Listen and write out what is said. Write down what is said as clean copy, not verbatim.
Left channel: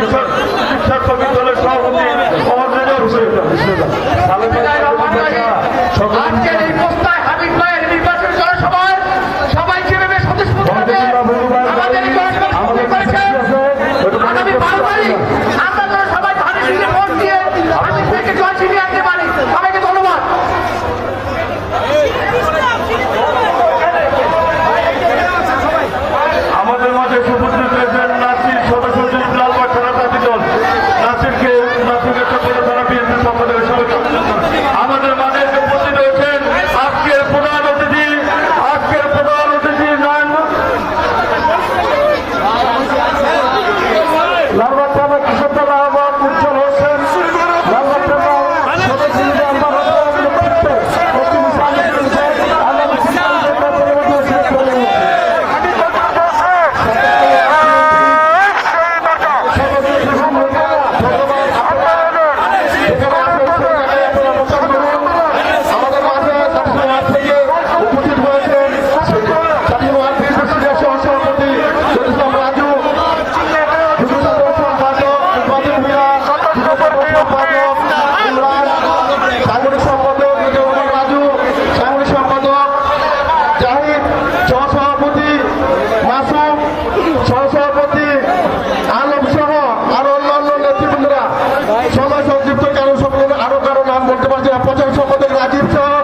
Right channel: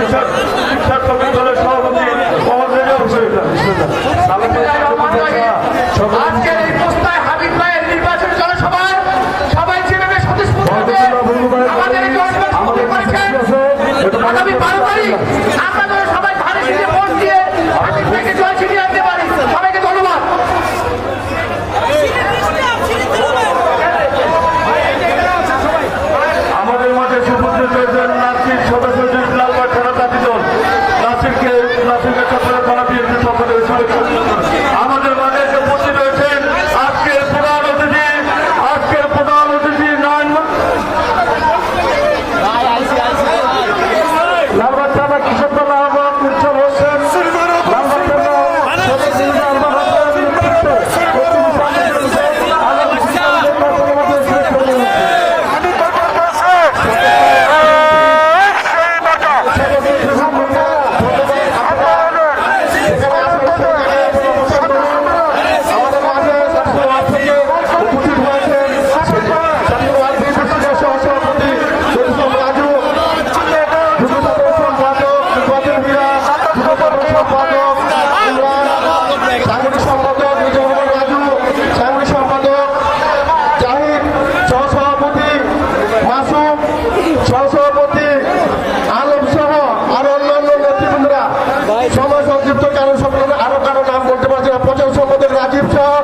শিক্ষা শ্রমিক দলের সভাপতি আজকের এই প্রস্তায় হাবিব ভাইয়ের নির্বাচন জনসভায় সবাই যেভাবে স্বতঃস্ফূর্ত আমাদের এই জনসভা করেছেন আগামী 12 তারিখ আমরা যেন সবাই ভালো দিনে ভোট দিয়ে হাবিব ভাইকে জয় ছিনিয়ে আনতে পারি। সবাইকে ধন্যবাদ। আমাদের মাঝে সুপুত্র চেয়েছেন নাসির সদস্য লালবাগ থানা জাতিদল নাসিরকে চক্র থানা বিএনপির পক্ষ থেকে শুভেচ্ছা। আমাদের মাঝে এসে উপস্থিত হয়েছেন আজকের প্রধান অতিথি লালবাগ থানা